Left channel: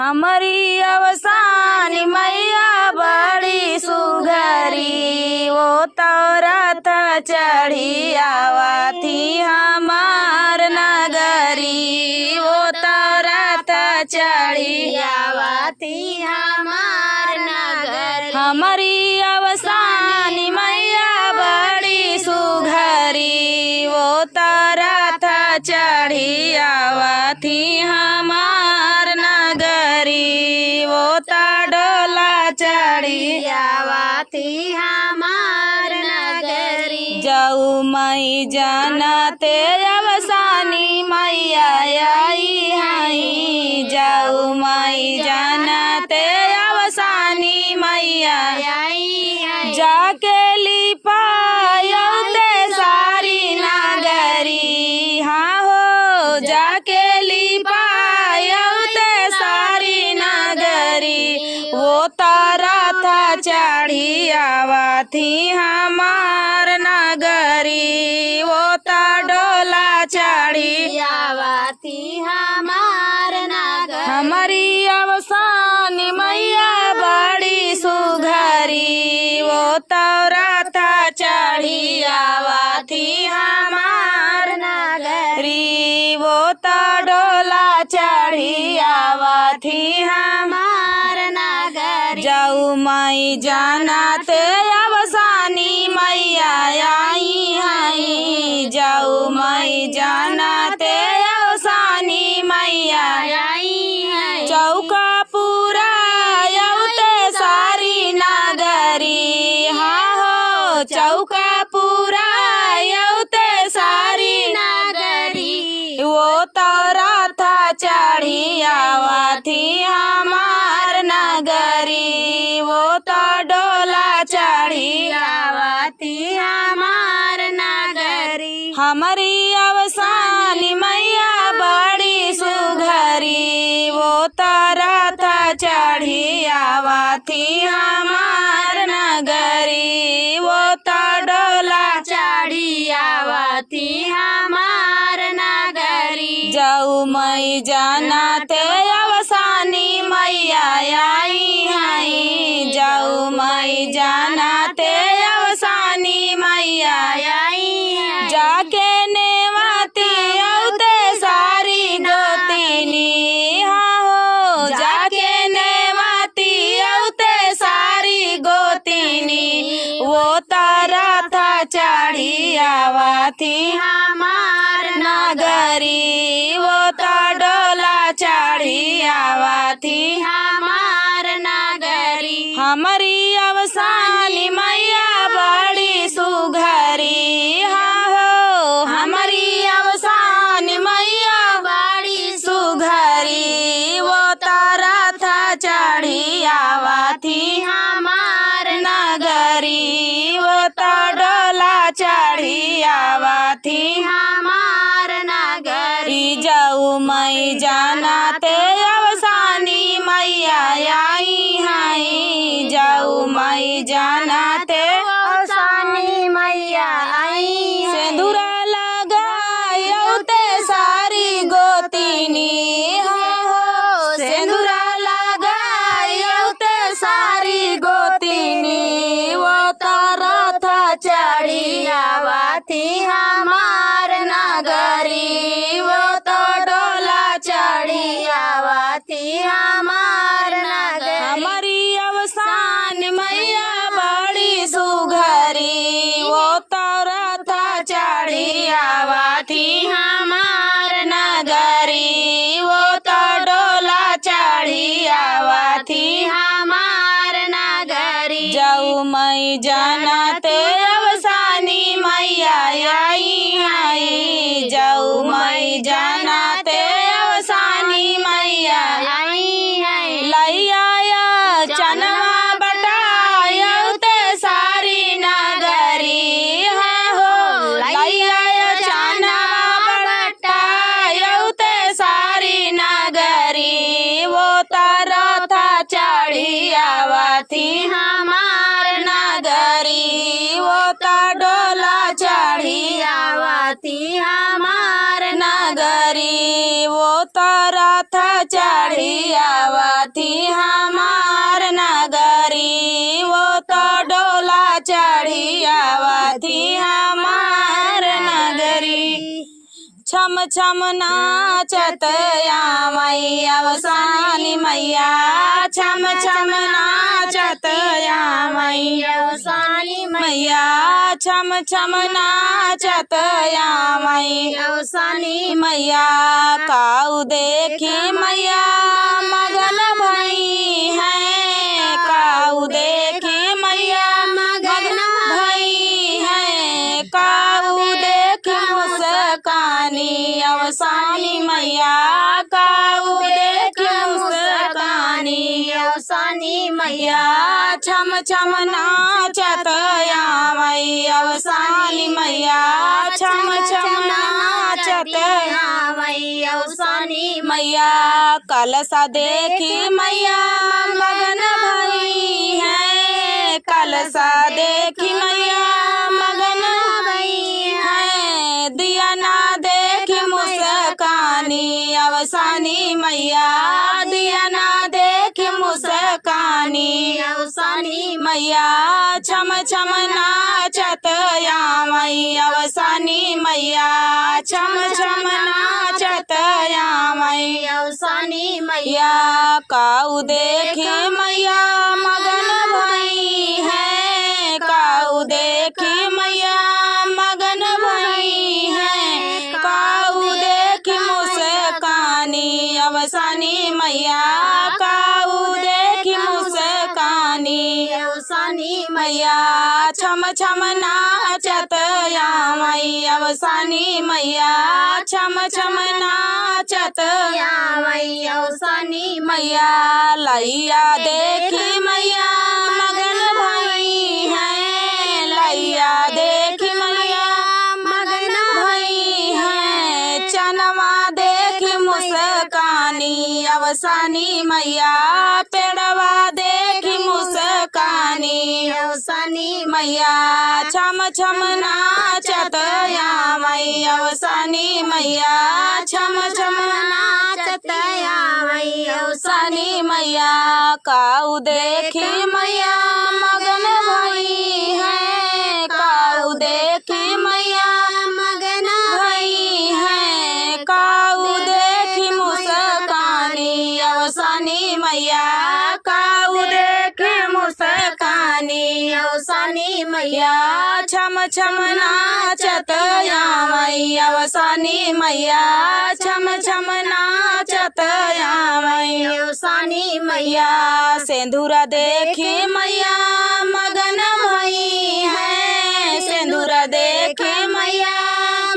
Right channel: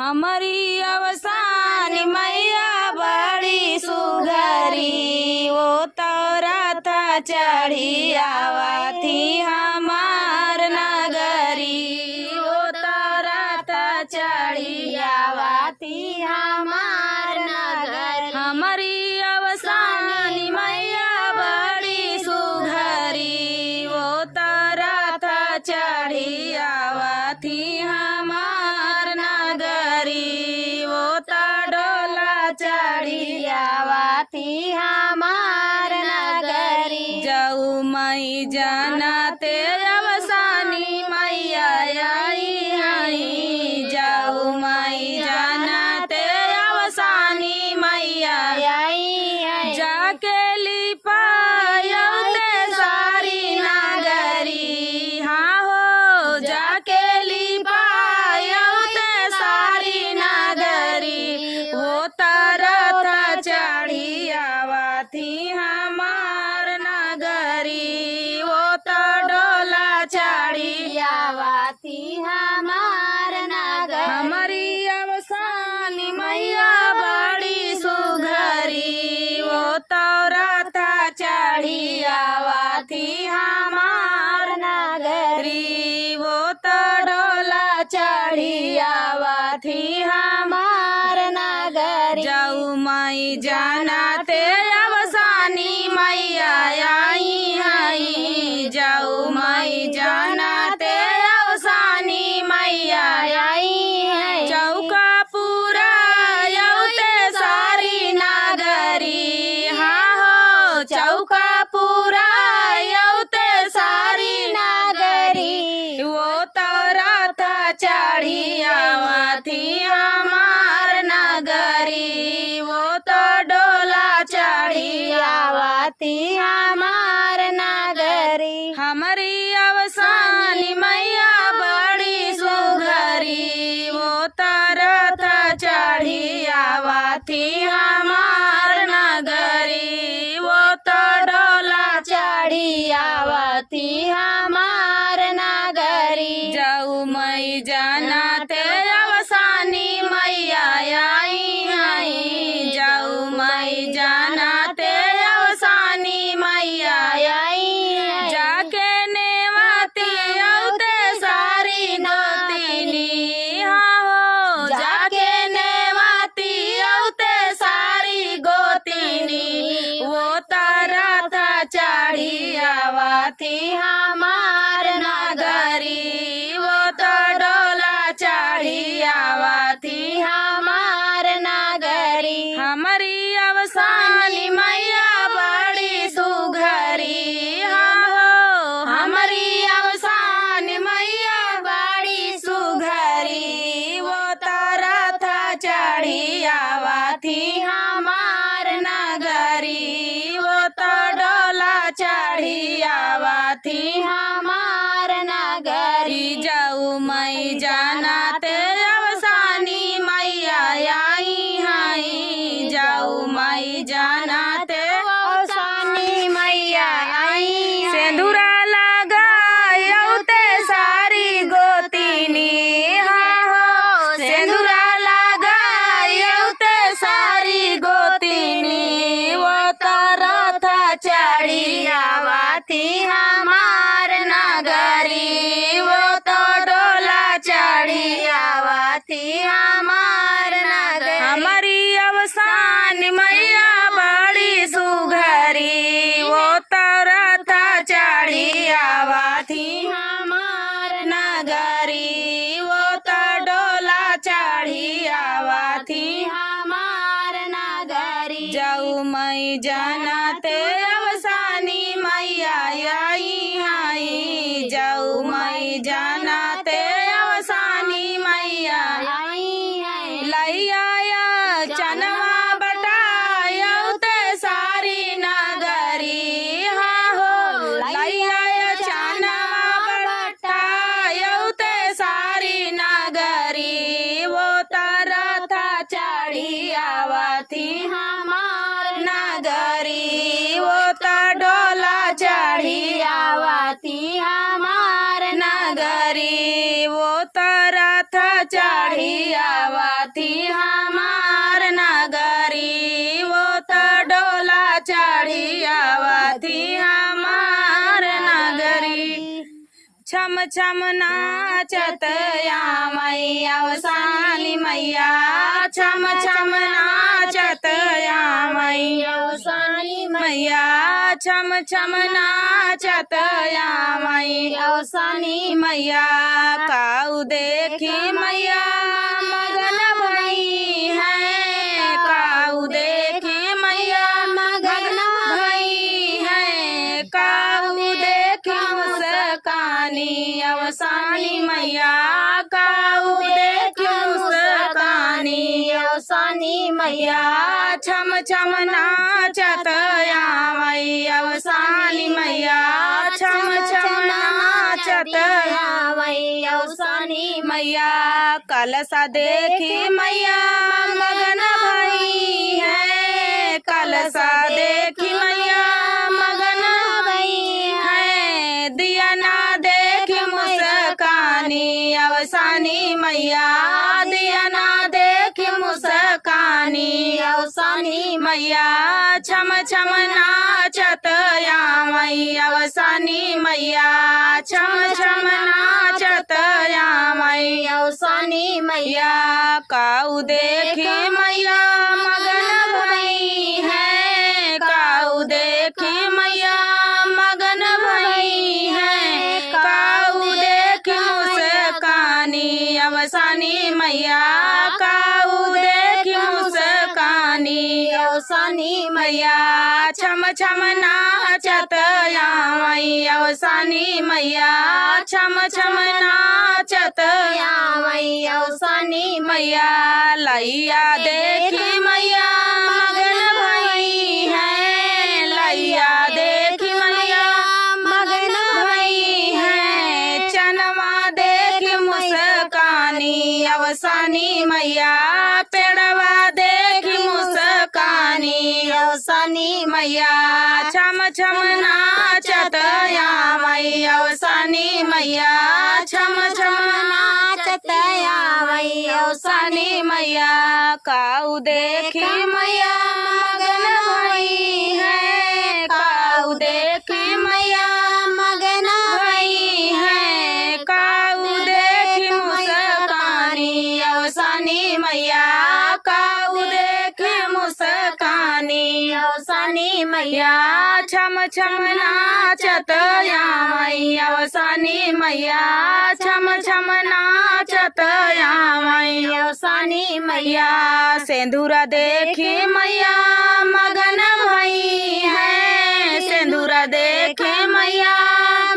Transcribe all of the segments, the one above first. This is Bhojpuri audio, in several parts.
हमारी अवसानी मैया बड़ी सुघरी, वो तो रथ चढ़ी आवती हमार नगरी, वो तो रथ चढ़ी आवती हमार नगरी। हमारी अवसानी मैया बड़ी सुघरी, वो तो रथ चढ़ी आवती हमार नगरी, वो तो डोला चढ़ी आवती हमार नगरी। जाऊ मई जानते अवसानी मैया आई हई, जाऊ मई जानते अवसानी मैया आई हई। जाके लिपायते सारी नगरी, हाँ हो जाके लिपायते सारी नगरी, वो रथ चढ़ी आवती हमार नगरी, वो तो डोला चढ़ी आवती हमार नगरी। हमारी अवसानी मैया बड़ी सुघरी, वो तो रथ चढ़ी आवती हमार नगरी, वो तो डोला चढ़ी आवती हमार नगरी। जाऊ मई जानते अवसानी मैया आई हई, जाऊ मई जानते अवसानी मैया आई हई। चौका पूरा यौते सारी नगरी, हाँ हो चौका पूरा यौते सारी नगरी, वो तो रथ चढ़ी आवती हमार नगरी, वो तो डोला चढ़ी आवती हमार नगरी। हमारी अवसानी मैया बड़ी सुघरी, वो तो रथ चढ़ी आवती हमार नगरी, वो तो डोला चढ़ी आवती हमार नगरी। जाऊ मई जानते अवसानी मैया आई हई, जाऊ मई जानते अवसानी मैया आई हई। जाके नेवाती औते सारी गोतिनी, हाँ हो जाके नेवाती औते सारी गोतिनी, वो तो रथ चढ़ी आवती हमार नगरी, वो तो डोला चढ़ी आवती हमार नगरी। हमारी अवसानी मैया बड़ी सुघरी, हाँ हो हमारी अवसानी मैया बड़ी सुघरी, वो तो रथ चढ़ी आवती हमार नगरी, वो तो डोला चढ़ी आवती हमार नगरी। जाऊ मई जानते अवसानी मैया आई हई, जाऊ मई जानते अवसानी मैया आई। सिंदूरा लगायौते सारी गोतिनी, हाँ हो सिंदूरा लगायौते सारी गोतिनी, वो तो रथ चढ़ी आवती हमार नगरी, वो तो डोला चढ़ी आवती हमार नगरी। हमारी अवसानी मैया बड़ी सुघरी, वो तो रथ चढ़ी आवती हमार नगरी, वो तो डोला चढ़ी आवती हमार नगरी। जाऊ मई जानते अवसानी मैया आई हई, जाऊ मई जानते अवसानी मैया आई हई। लैया चनवा बटायौते सारी नगरी, हाँ हो लैया चनवा बटायौते सारी नगरी, वो तो रथ चढ़ी आवती हमार नगरी, वो तो डोला चढ़ी आवती हमार नगरी, वो तो रथ चढ़ी आवा। छम नाचत आमई अवसानी मैया छम छम नाचत आमई अवसानी मैया छम छम नाचत आमई अवसानी मैया काऊ देखी मैया मगन भई है काऊ देखी मैया मगन भई है काऊ देखी मुस्कानी अवसानी मैया काऊ देखी मुस्कानी अवसानी मैया छम छम नाचत आमई अवसानी मैया छम छम नाचत आमई अवसानी मैया कलसा देखी मैया मगन भई है कलसा देखी मैया मगन भई है दिया ना देखी मुस्कानी अवसानी मैया दिया ना देखी मुस्कानी अवसानी मैया छम छम नाचत आमई अवसानी मैया छम छम नाचत आमई अवसानी मैया काऊ देखी मैया मगन भई है काऊ देखी मैया मगन भई है काऊ देखी मुस्कानी अवसानी मैया काऊ देखी मुस्कानी अवसानी मैया छम छम नाचत आमई अवसानी मैया छम छम नाचत आमई अवसानी मैया लैया देखी मैया मगन भई है लैया देखी मैया मगन भई है चनवा देखी मुस्कानी अवसानी मैया पेड़वा देखी मुस्कानी अवसानी मैया छम छम नाचत आमई अवसानी मैया छम छम नाचत आमई अवसानी मैया काऊ देखी मैया मगन भई है काऊ देखी मैया मगन भई है काऊ देखी मुस्कानी अवसानी मैया काऊ देखी मुस्कानी अवसानी मैया छम छम नाचत आमई अवसानी मैया छम छम नाचत आमई अवसानी मैया सिंदूरा देखी मैया मगन भई है सिंदूरा देखी मैया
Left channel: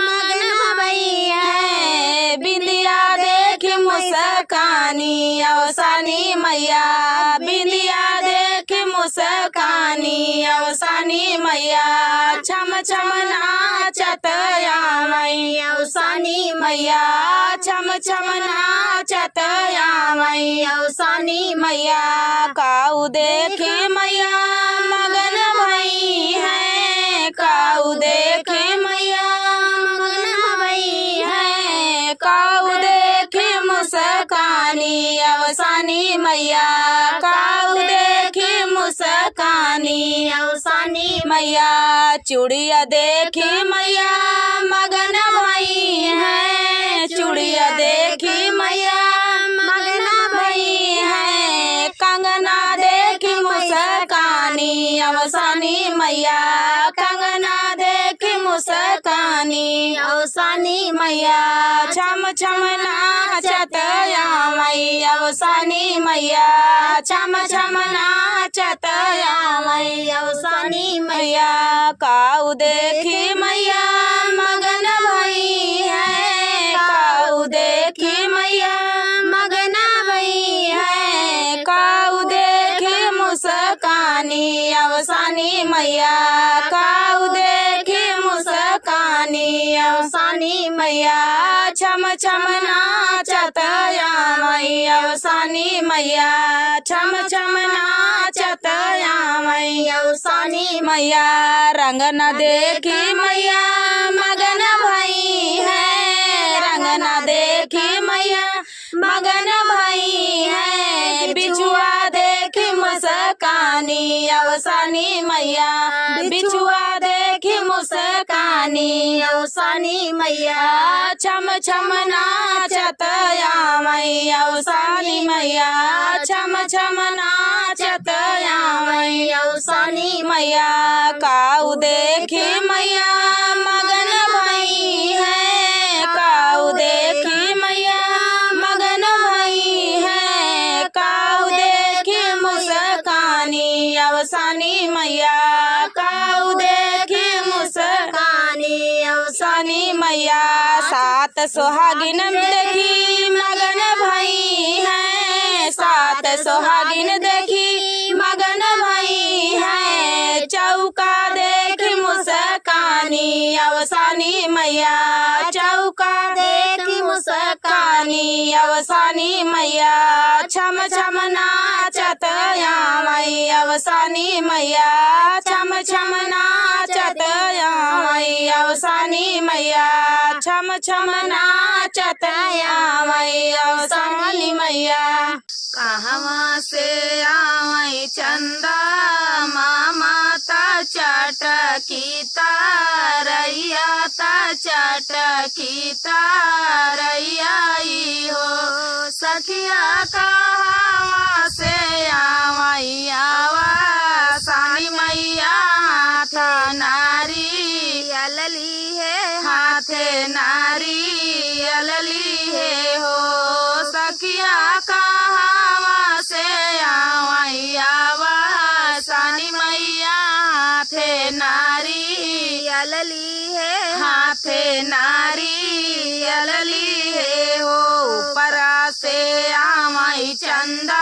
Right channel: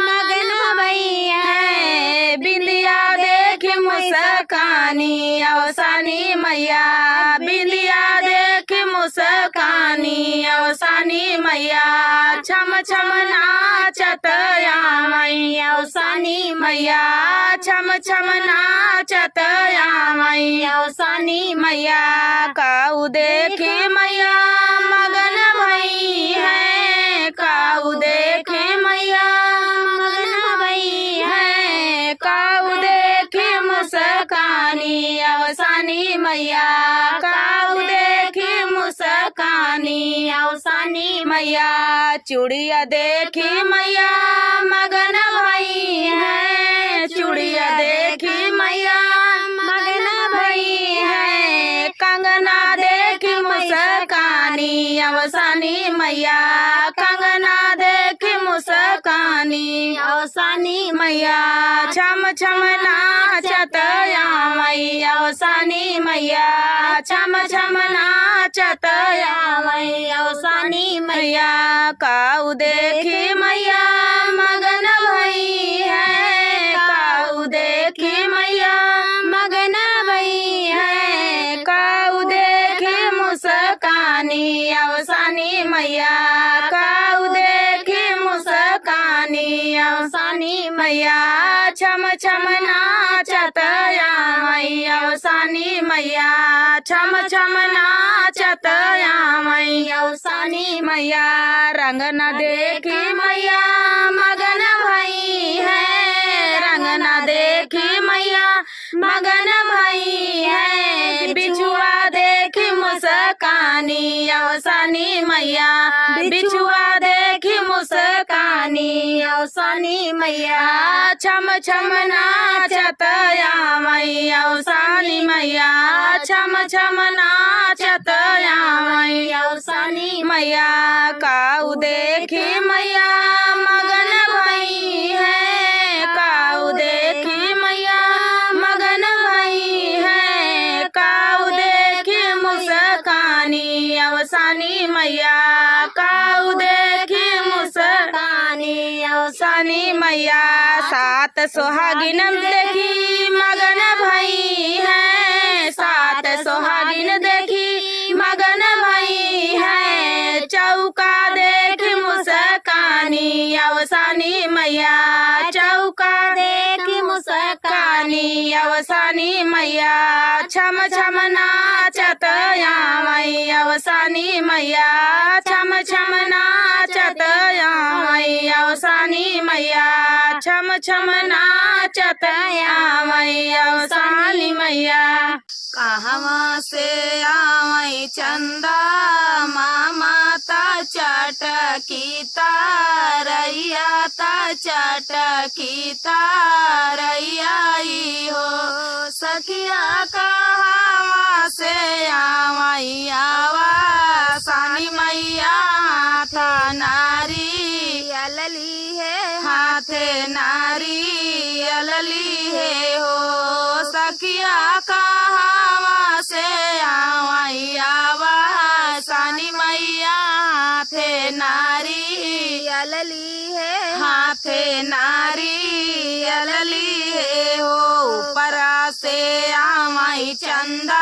मगन भई है बिंदिया देखी मुस्कानी अवसानी मैया बिंदिया देखी मुस्कानी अवसानी मैया छम छम नाचत आमई अवसानी मैया छम छम नाचत आमई अवसानी मैया काऊ देखी मैया मगन भई है काऊ देखी मैया मगन भई है काऊ देखी मुस्कानी अवसानी मैया काऊ देखी मुस्कानी अवसानी मैया चूड़िया देखी मैया मगन भई है चूड़िया देखी मैया मगन भई है कंगना देखी मुस्कानी अवसानी मैया कंगना देखी मुस्कानी अवसानी मैया छम छम नाचत आमई अवसानी मैया छम छम नाचत आमई अवसानी मैया काऊ देखी मैया मगन भई है काऊ देखी मैया मगन भई है काऊ देखी मुस्कानी अवसानी मैया काऊ देखी मुस्कानी अवसानी मैया छम छम नाचत आमई अवसानी मैया छम छम नाचत आमई अवसानी मैया रंग न देखी मैया मगन भई है रंग न देखी मैया मगन भई है बिछुआ देखी मुस्कानी मुस्कानी अवसानी मैया बिछुआ देखी मुस्कानी अवसानी मैया छम छम नाचत आमई अवसानी मैया छम छम नाचत आमई अवसानी मैया काऊ देखी मैया मगन भई है काऊ देखी मैया मगन भई है काऊ देखी मुस्कानी अवसानी मैया काऊ देखी मुस्कानी अवसानी मैया सात सुहागिन देखी मगन भई है सात सुहागिन देखी मगन भई है चौका देखी मुस्कानी अवसानी मैया चौका देखी मुस्कानी अवसानी मैया छम छम नाचत आमई अवसानी मैया छम छम नाचत आमई अवसानी मैया छम छम नाचत आमई अवसानी मैया कहवा से आमई चंदा माता चटकी तारैया ता चटकी तारैया हो सखिया कहवा से आमई आवा सानी मैया हाथ नारी अलली है हाथे नारी अलली है हो सखिया कहवा से आमई आवा सानी मैया हाथे नारी अलली है हाथे नारी अलली है हो ऊपरा से आमई चंदा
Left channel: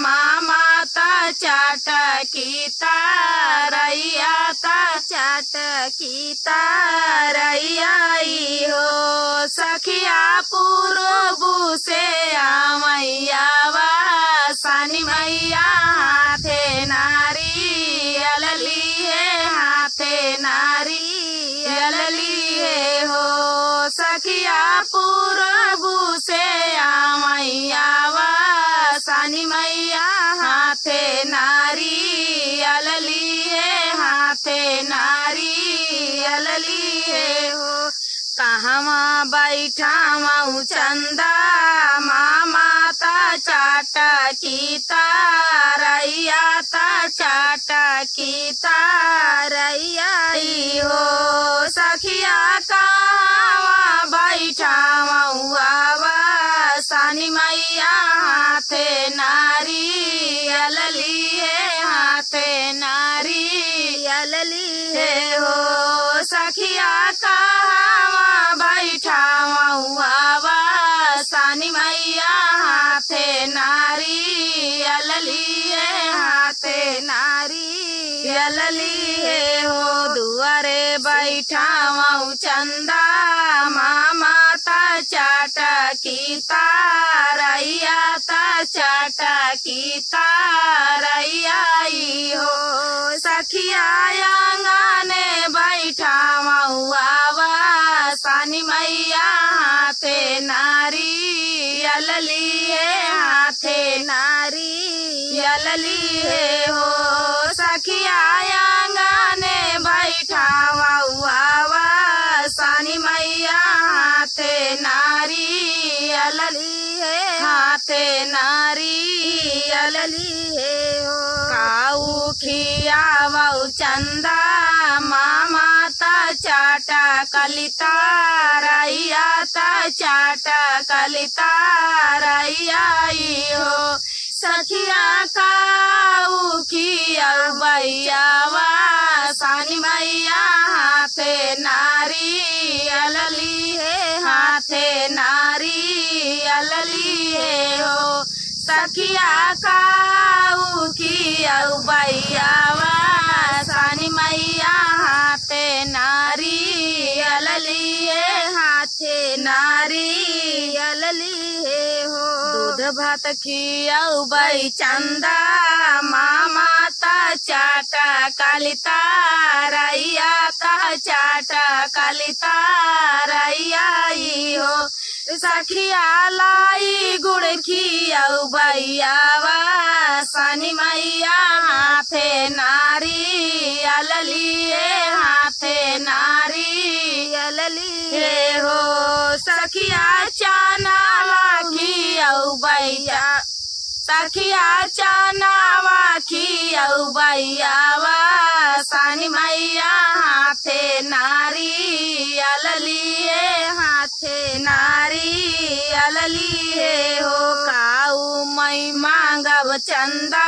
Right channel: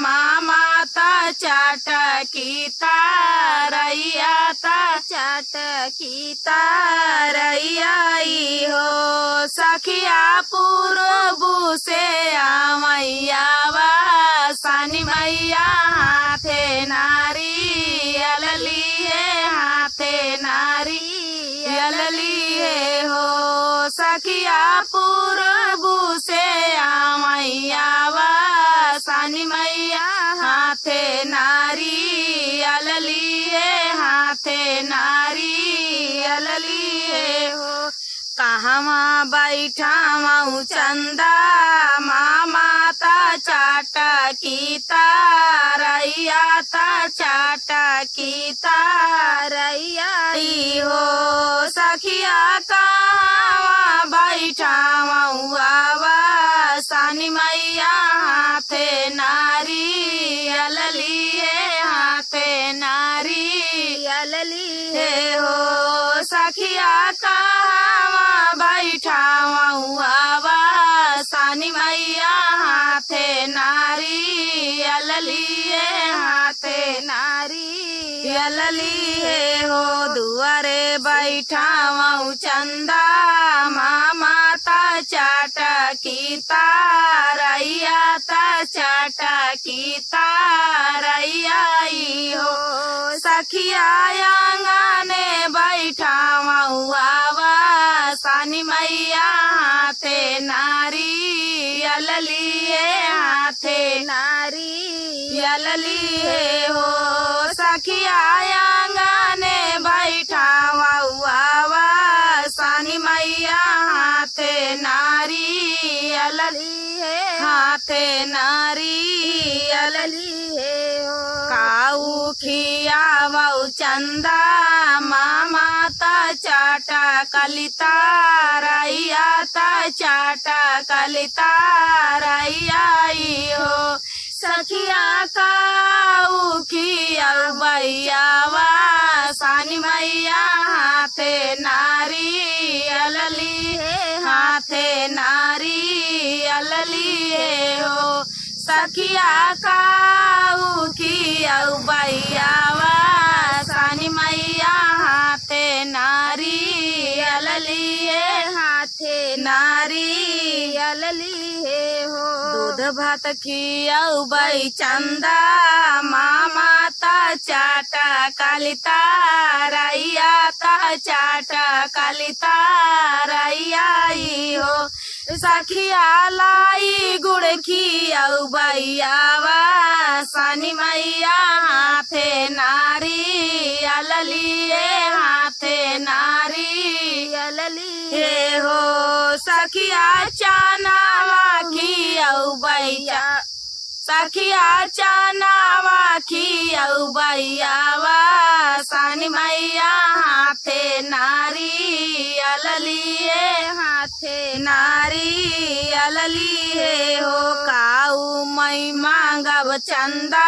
माता चटकी तारैया ता चटकी तारैया हो सखिया पूर्व से आमई आवा सानी मैया हाथे नारी अलली है हाथे नारी अलली है हो सखिया पूर्व से आमई आवा सानी मैया हाथे नारी अलली है हाथे नारी अलली है हो कहवा बैठा मऊ चंदा माता चटकी तारैया ता चटकी तारैया हो सखिया कहवा बैठा मऊ आवा सानी मैया हाथे नारी अलली है हाथे नारी अलली है हो सखिया कहवा बैठा मऊ आवा सानी मैया हाथे नारी अलली है हाथे नारी अलली है हो दुआरे बैठा मऊ चंदा माता चटकी तारैया ता चटकी तारैया हो सखिया आंगने बैठा मऊ आवा सानी मैया हाथे नारी अलली है हाथे नारी अलली है हो सखिया आंगने बैठा मऊ आवा सानी मैया हाथे नारी अलली है हाथे नारी अलली है हो काऊ खिया मऊ चंदा माता चटकी तारैया ता चटकी तारैया हो सखिया काऊ खिया बैयावा सानी मैया हाथे नारी अलली है हाथे नारी अलली है हो सखिया काऊ खिया बैयावा सानी मैया हाथे नारी अलली है हाथे नारी अलली है हो दूध भात खियाऊ बई चंदा माता चटकी तारैया ता चटकी तारैया हो सखिया लाई गुड़ खियाऊ बैयावा सानी मैया हाथे नारियल लिए हाथे नारियल लिए हो सखिया चनावा की औ बैया सखिया चनावा की औ बैयावा सानी मैया हाथे नारियल लिए हाथे नारियल लिए हो काऊ मई मांगब चंदा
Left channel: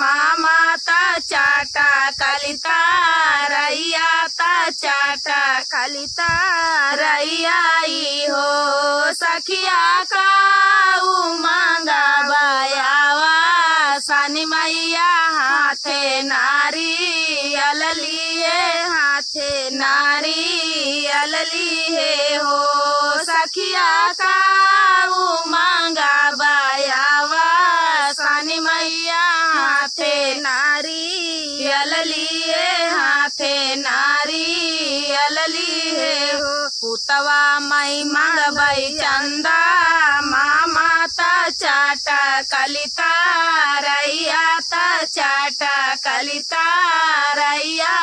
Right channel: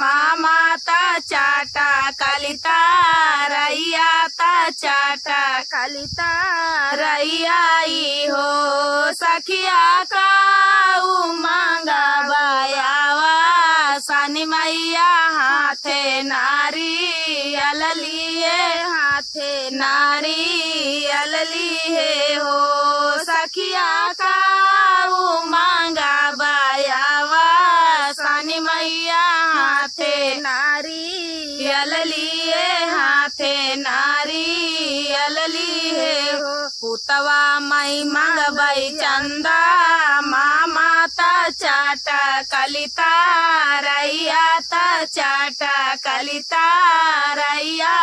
मामा ता चाटा कलिता रैया ता चाटा कलिता रैया हो सखिया काऊ मांगा बायावा सानी मैया हाथे नारियल लिए हाथे नारियल लिए हो सखिया काऊ मांगा बायावा सानी मैया हाथे नारियल लिए हाथे नारियल लिए हो पुतवा मई मंगबई चंदा मामा ता चाटा कलिता रैया ता चाटा कलिता रैया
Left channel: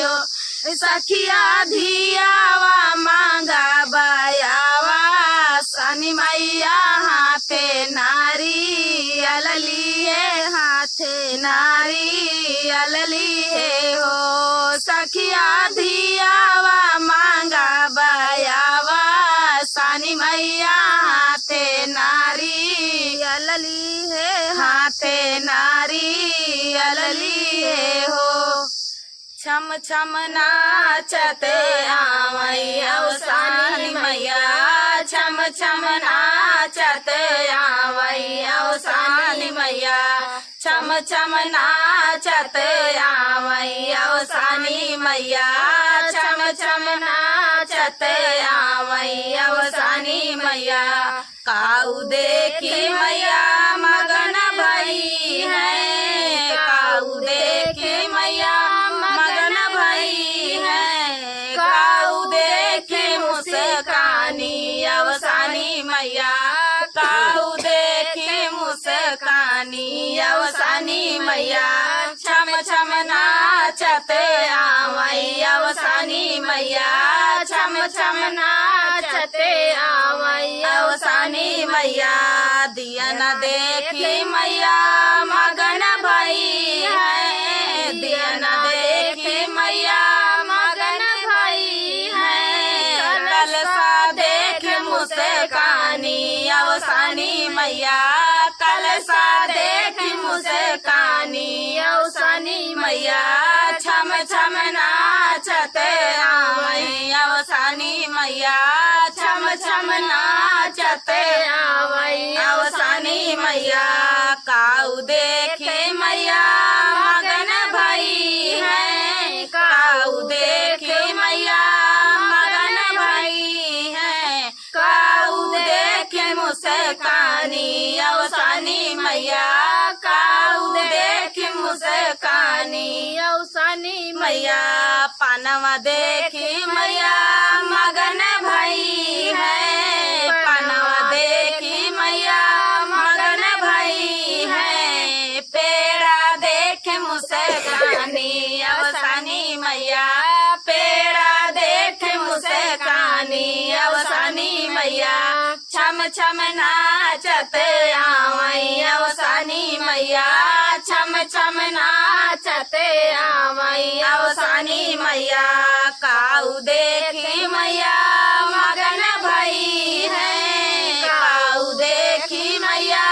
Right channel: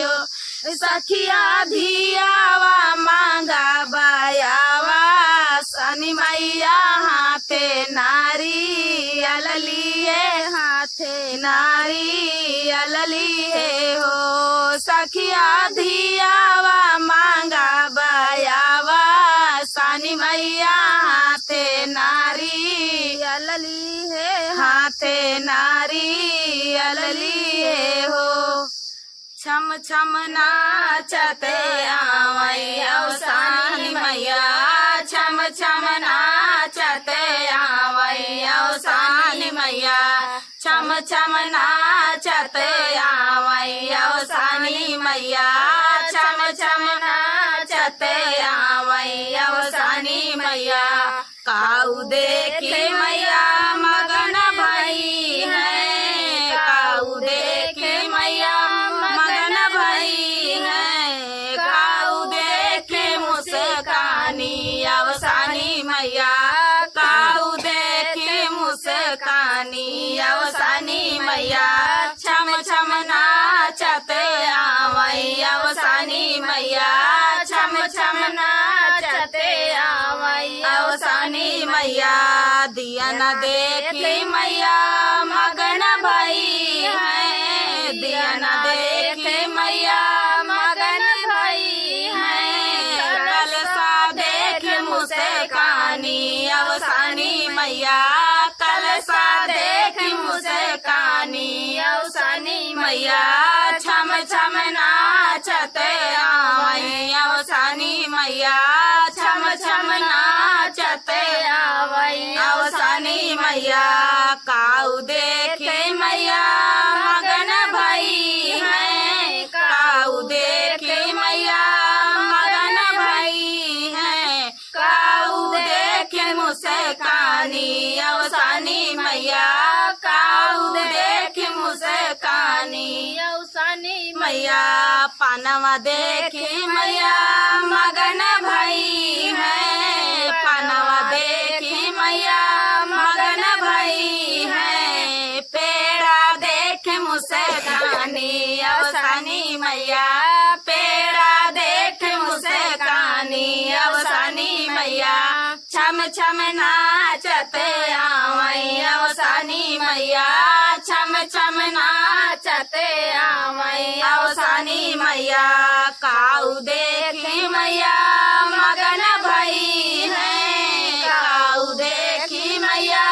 हो सखिया धियावा मांगा बायावा सानी मैया हाथे नारियल लिए हाथे नारियल लिए हो सखिया धियावा मांगा बायावा सानी मैया हाथे नारियल लिए हाथे नारियल लिए हो छम छम नाचत आवैया सानी मैया छम छम नाचत आवैया सानी मैया छम छम नाचत आवैया सानी मैया छम छम नाचत आवैया सानी मैया काऊ देखी मैया मगन भई है काऊ देखी मैया मगन भई है काऊ देखी मुस्कानी अवसानी मैया काऊ देखी मुस्कानी अवसानी मैया छम छम नाचत आवई अवसानी मैया छम छम नाचत आवई अवसानी मैया दिया न देखी मैया मगन भई है दिया न देखी मैया मगन भई है कलसा देख मुस्कानी अवसानी मैया कलसा देख मुस्कानी अवसानी मैया छम छम नाचत आवई अवसानी मैया छम छम नाचत आवई अवसानी मैया काऊ देखी मैया मगन भई है काऊ देखी मैया मगन भई है काऊ देखी मुस्कानी अवसानी मैया काऊ देखी मुस्कानी अवसानी मैया पानवा देखी मैया मगन भई है पानवा देखी मैया मगन भई है पेड़ा देखी मुस्कानी अवसानी मैया पेड़ा देखी मुस्कानी अवसानी मैया छम छम नाचत आवई अवसानी मैया छम छम नाचत आवई अवसानी मैया काऊ देखी मैया मगन भई है काऊ देखी मैया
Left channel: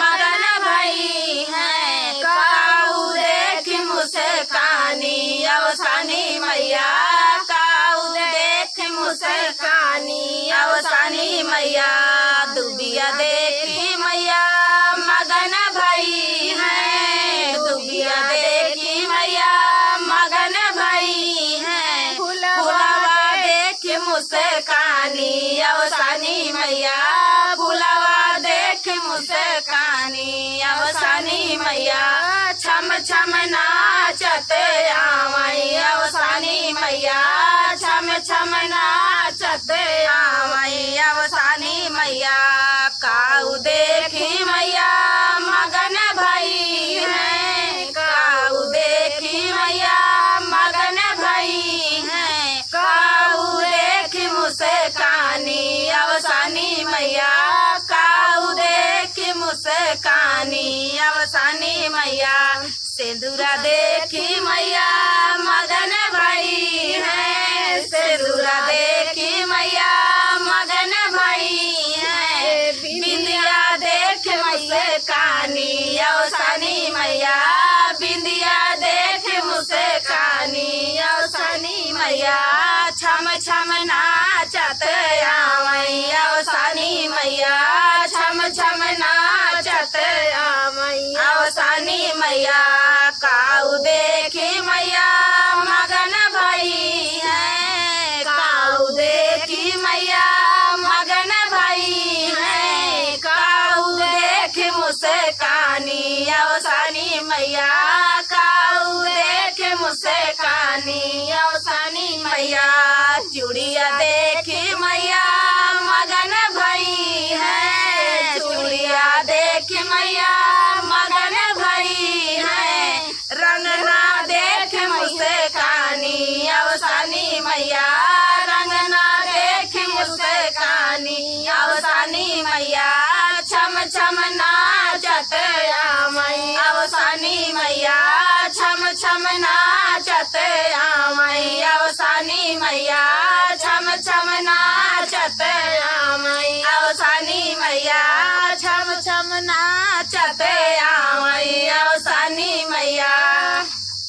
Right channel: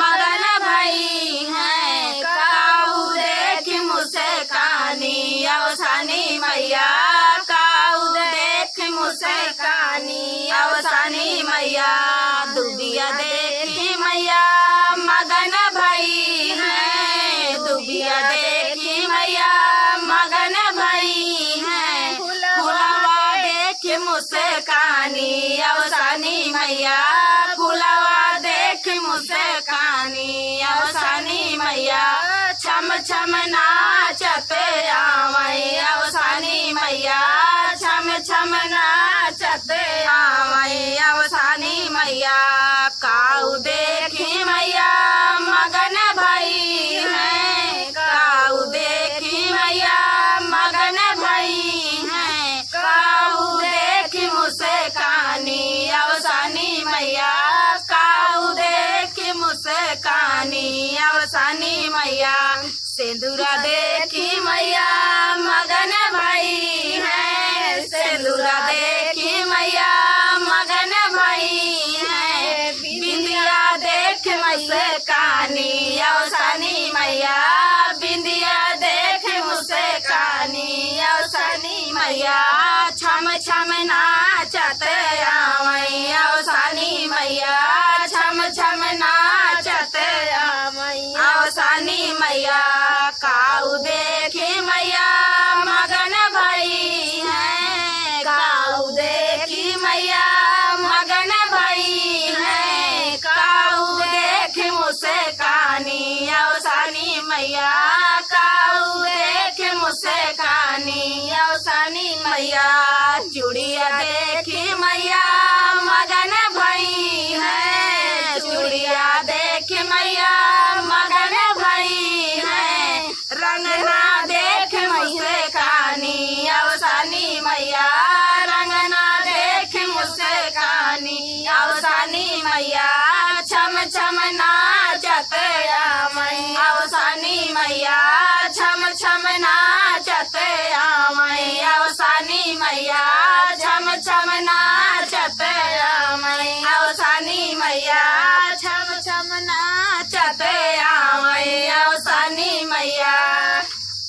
मगन भई है काऊ देखी मुस्कानी अवसानी मैया काऊ देखी मुस्कानी अवसानी मैया दुबिया देखी मैया मगन भई है दुबिया देखी मैया मगन भई है फुलवा देखी मुस्कानी अवसानी मैया फुलवा देखी मुस्कानी अवसानी मैया छम छम नाचत आवई अवसानी मैया छम छम नाचत आवई अवसानी मैया काऊ देखी मैया मगन भई मुस्कानी अवसानी मैया सिंदूरा देखी मैया मगन भाई है सिंदूरा देखी मैया मगन भाई है बिंदिया देख मुस्कानी अवसानी मैया बिंदिया देख मुस्कानी अवसानी मैया छम छम नाचत आवै अवसानी मैया छम छम नाचत अवसानी मैया काऊ देखी मैया मगन भाई है काऊ देखी मैया मगन भाई है काऊ देखी मुस्कानी अवसानी मैया काऊ देखी मुस्कानी अवसानी मैया चूड़िया देखी मैया मगन भाई है चूड़िया देखी मैया मगन भाई है रंगना देख मुस्कानी अवसानी मैया रंगना देख मुस्कानी अवसानी मैया छम छम नाचत अवसानी मैया छम छम नाचत अवसानी मैया छम छम नाचत अवसानी मैया छम छम नाचत अवसानी मैया।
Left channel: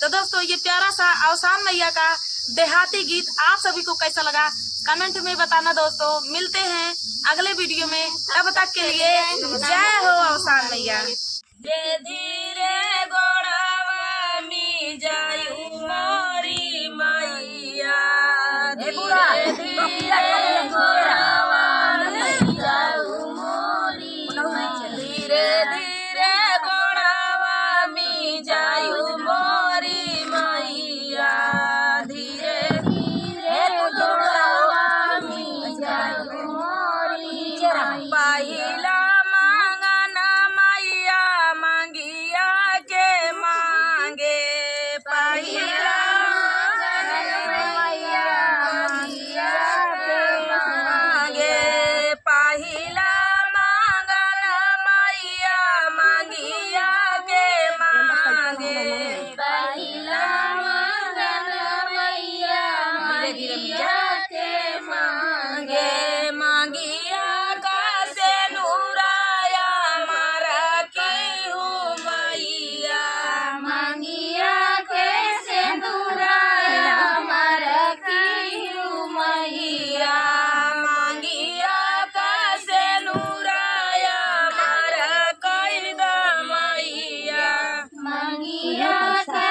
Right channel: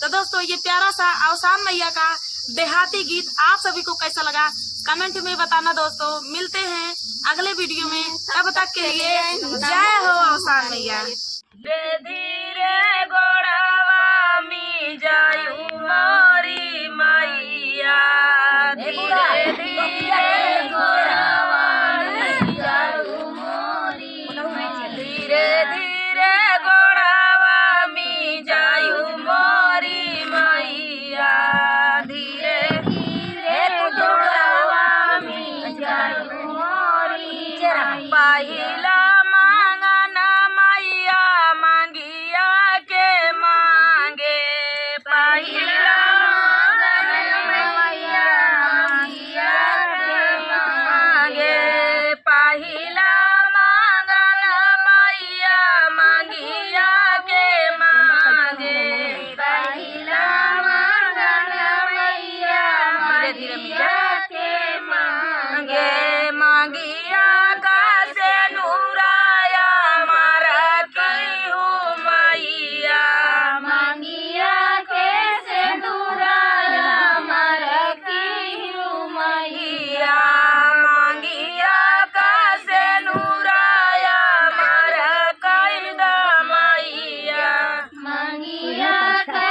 तो दोस्तों ये प्यारा सा अवसान मैया का देहाती गीत आप सभी को कैसा लगा कमेंट में बताना दोस्तों। मिलते हैं अगले वीडियो में, तब तक के लिए जय हो अवसान मैया। धीरे धीरे गोड़ावा मी जायू मोरी मैया धीरे धीरे गोड़ावा मी जायू मोरी धीरे धीरे गोड़ावा मी जायू मोरी मैया धीरे धीरे गोड़ावा मी जायू मोरी पहिला मांगन मैया मांगिया के मांगे पहिला मांगन मैया मांगिया के मांगे पहिला मांगन मैया मांगिया के मांगे पहिला मांगन मैया मांगिया के मांगे मांगिया का से नूराया मारा की हूँ मैया मांगिया के से नूराया मारा की हूँ मैया मांगिया का से नूराया मारा कैदा मैया मांगिया का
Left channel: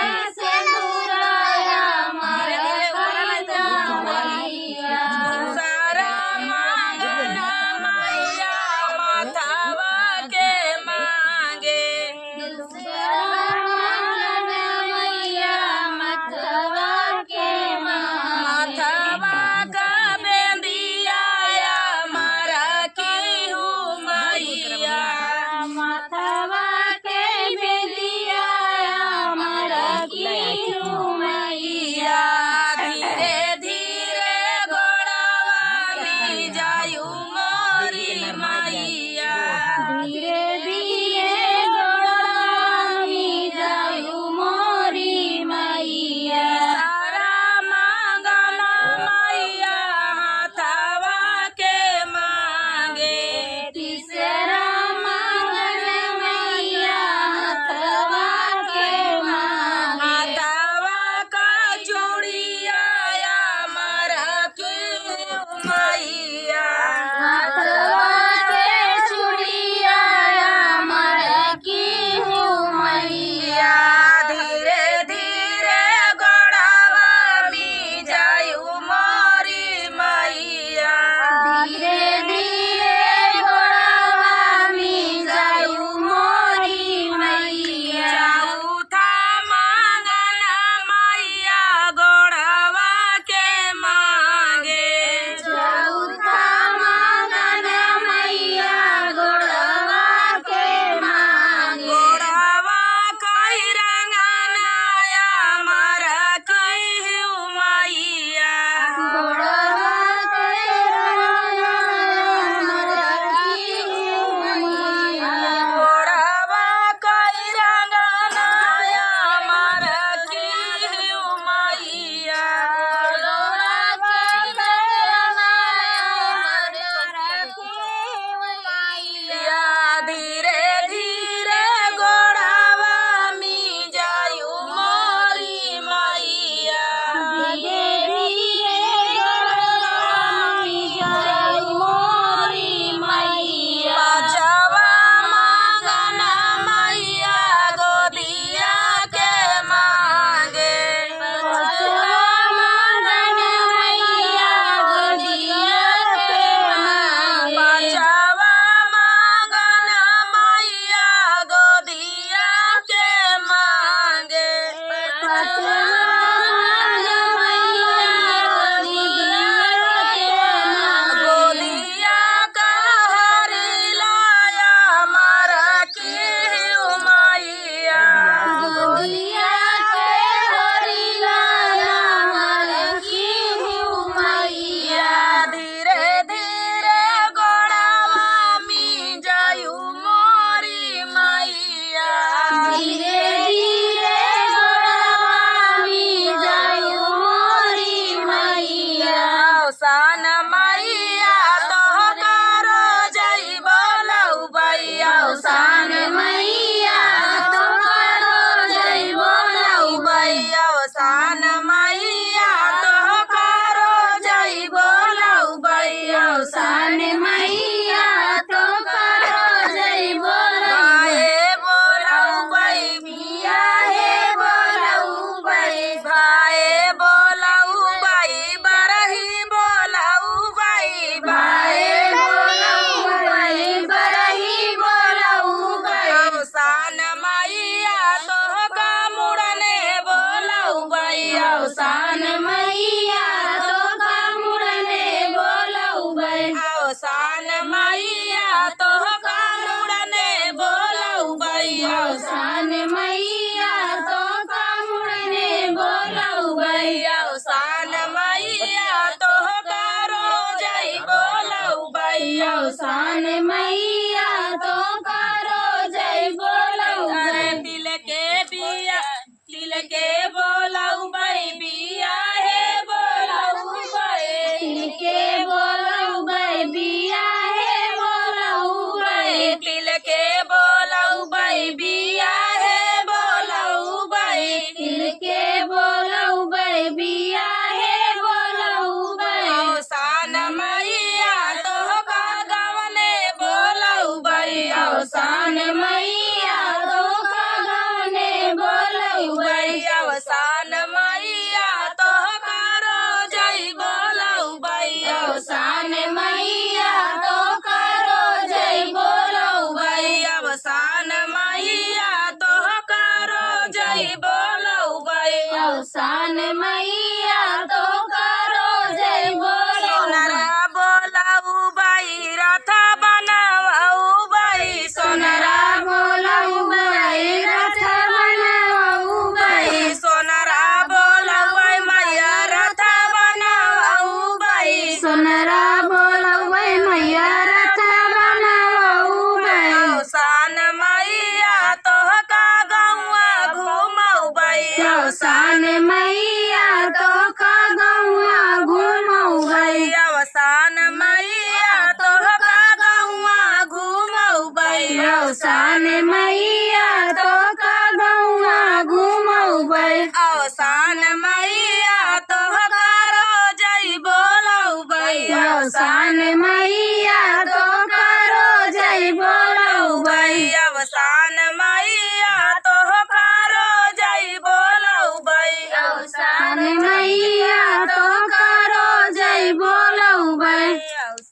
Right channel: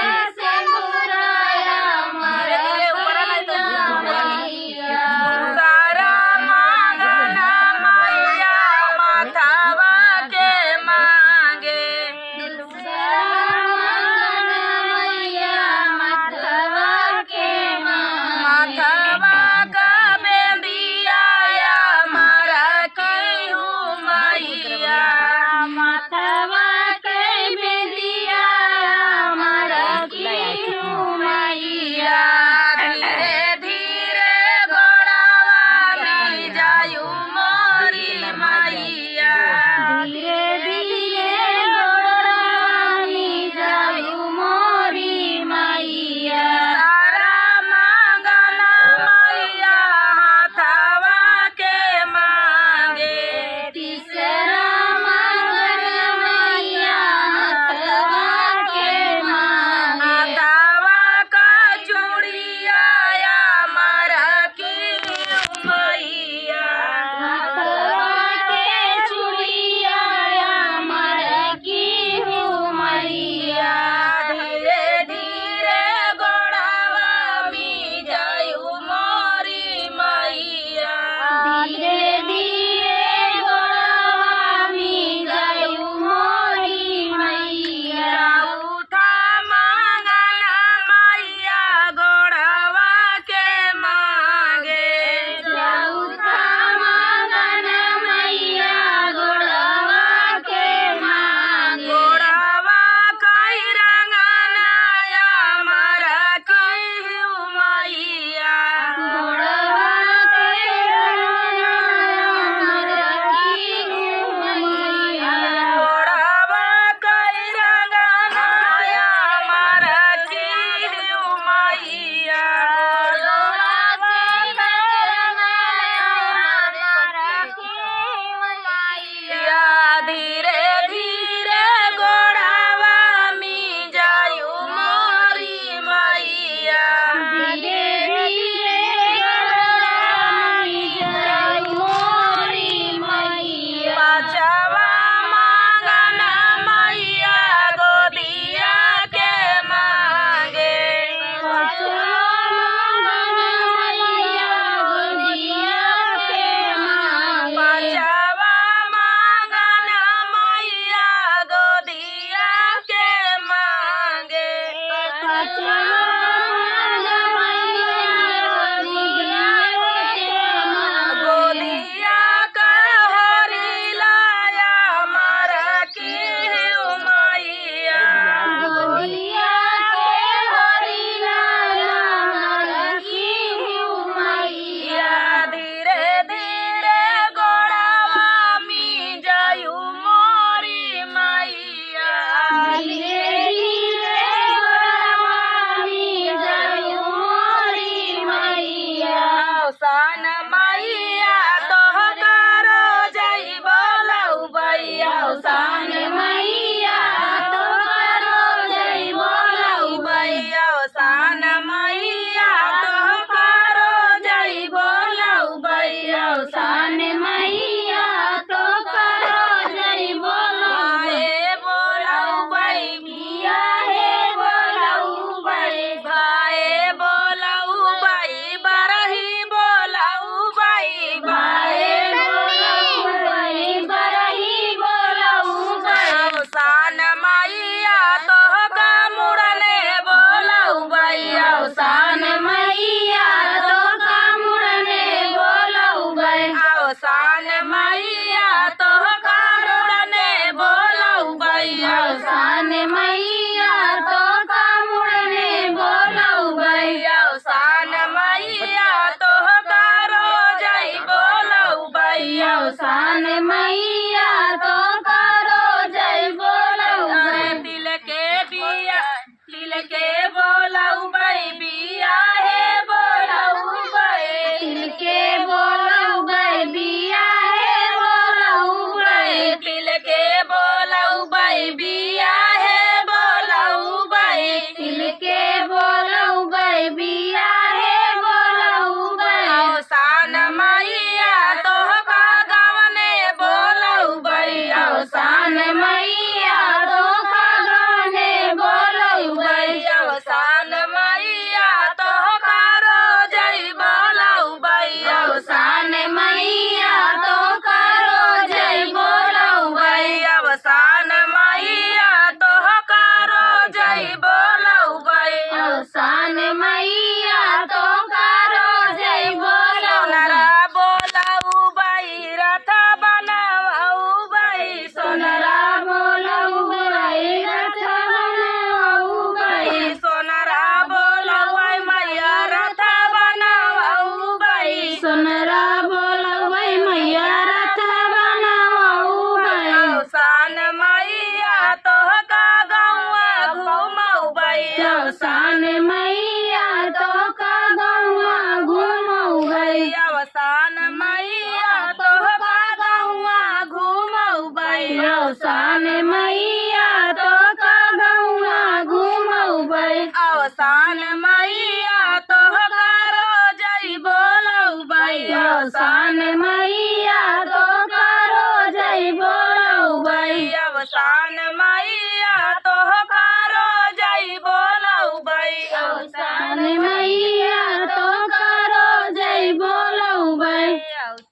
जई बोलऊ बई अवसान मैया तो करो जय बोलो सोनरा बोलऊ बई रथ बनाऊ बई सोनरा बोलऊ बई रथ बनाऊ बई सोनरा बोलऊ बई मैया रथ बनाऊ बई सोनरा बोलऊ बई मैया रथ बनाऊ बई अवसान मैया तो का गौआ घूमऊ बई अवसान मैया तो का गौआ घूमऊ गई अवसान मैया तो का गौआ घूमऊ बई अवसान मैया तो का गौआ घूमऊ गई अवसान मैया तो करो जई बोलऊ बई अवसान मैया तो करो जय बोलऊ बई अवसान